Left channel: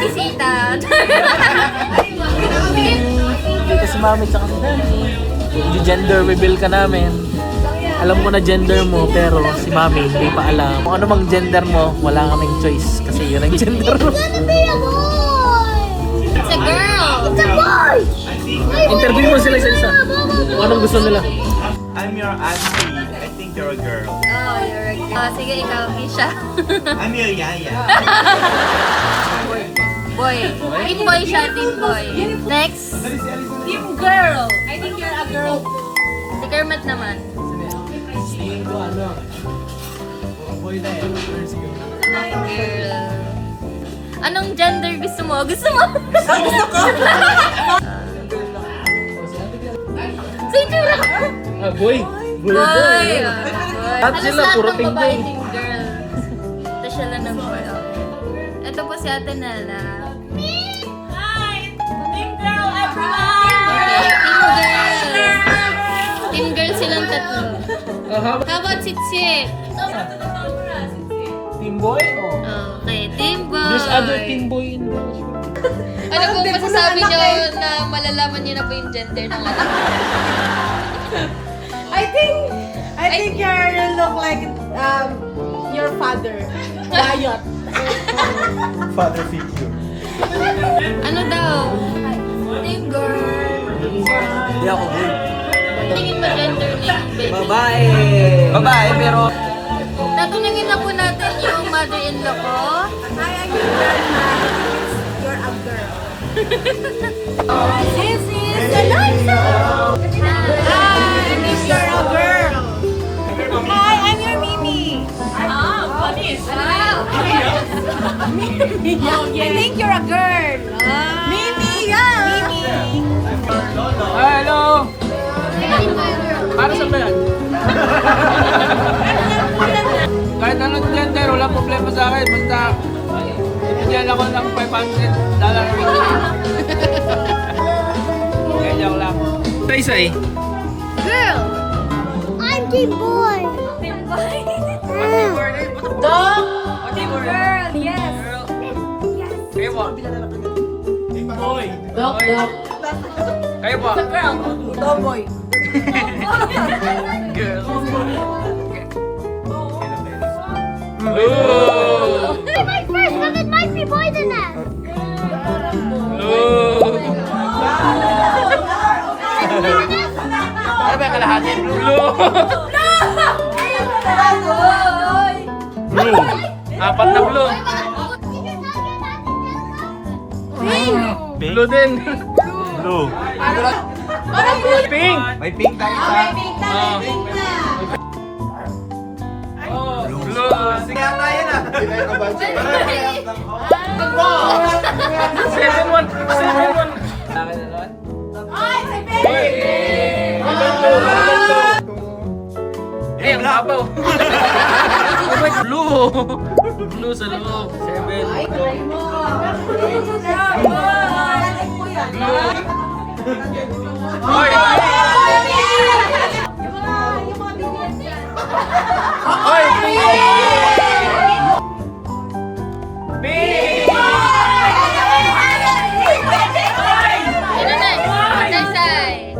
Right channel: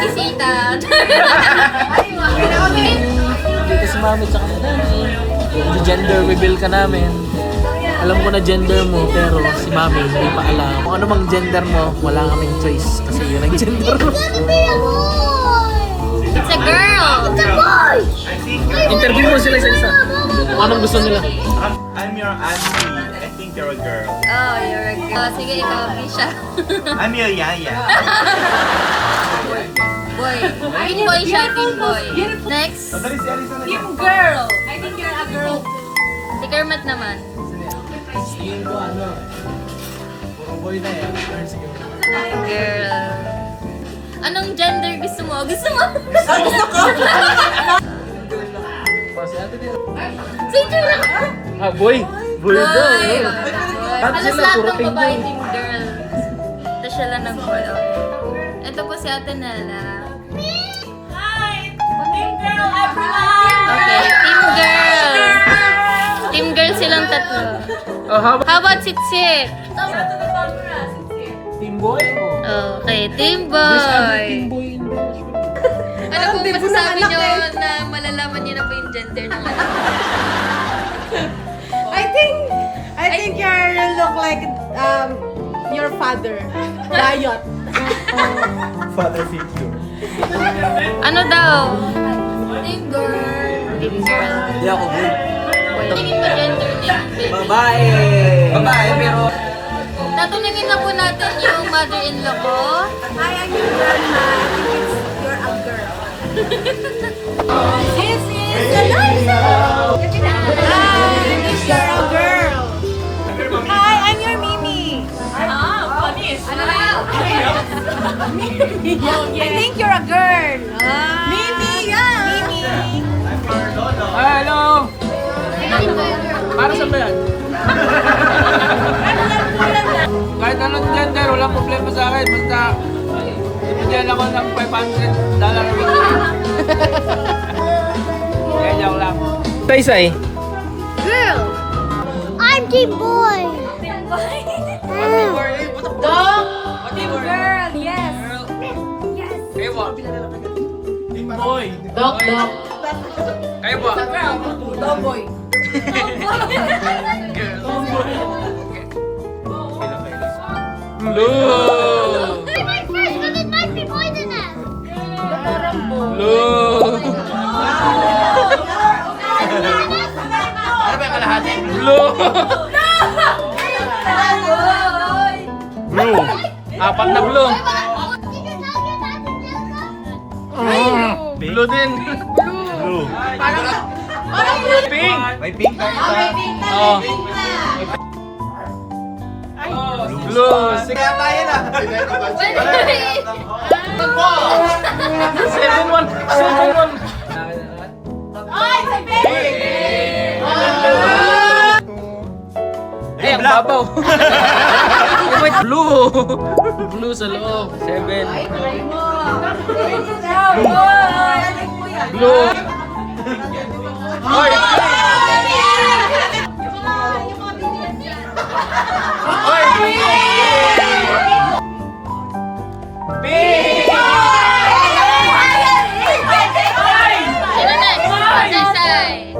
bisita. Dito si mami tsaka si daddy. Gender reveal ka namin. Alam ko na gender mo, pero si mami hindi pa alam. Kung ano mang gender mo, wala kaming choice. Kasi yun ang gender mo. It's a girl. It's a boy! Interview mo sila isa-isa. Kung anong gusto nila. I'm your auntie. I think you're a girl. Oh, you're a girl. Sige, ikaw, Kisha. I'm your yaya. Boy. Teen boy siya, teen boy. Next. Team girl! I think you're a girl. Si Kermit naman. Tingin ko ano. Puro boy na eh. Girl. Anong gender gusto mo? Gusto mo? Gusto ko! Sige lang. Ah, boy. Boy. Boy. Lahat Halos sila, lahat puro ng teen babae boy. team girl. Ito siya lang ng boy. Okay. Ito po si Ate Nella. Hi! Team girl, everyone! Okay, team girl. Team girl silang tatlo. Oh, How about Sitsit? team boy? Okay, team boy. There's other team boy in there. Ano po masasabi nyo na malalaman nyo na po yung gender ng I think you look like your father, Dayot. Father figure. Ano daw? Team girl. Team girl. Hindi ako boy. Tingin mo gender ni baby. Babae. Babae, pero... Tatuningin na po natin yung mother-in-law ko. Hi, I'm your grandma. You're a girl. This is Eliza. Hi, I think you're a girl. Hi, I'm your Mimi. Ah, funny. I think you're a girl. Mimi, yeah. Mimi. Hello! Para sa yan? Kahit anong gender, walang problema sa akin. Basta, ibigyan ako ng $500 a week. Kaya joke lang. Tay-say. Girl. I'm team boy. Team boy. Dog. Girl, yes. Kayo po. Boy. Dog. Kayo po. Girl. Dog-boy. Girl. Blue. My first, but it might be poisonous. Blue. Blue. Blue. Apat na blue. Blue din. Blue. Pink. May pink tayo sa... Oh. Blue. Sige. Seven one. Eh, ang babaw. Blue. Blue sa loob. 7. Blue. Oy! Oy! Sino next? Say-say.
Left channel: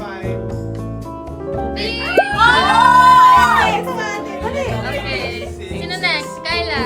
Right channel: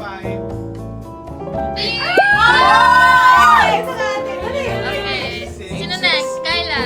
Okay. Sino next? Kyla.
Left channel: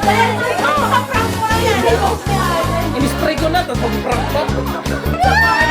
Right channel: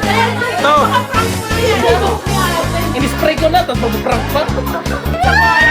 I'm so happy! In-spray ko na, tapos mag-prank pa.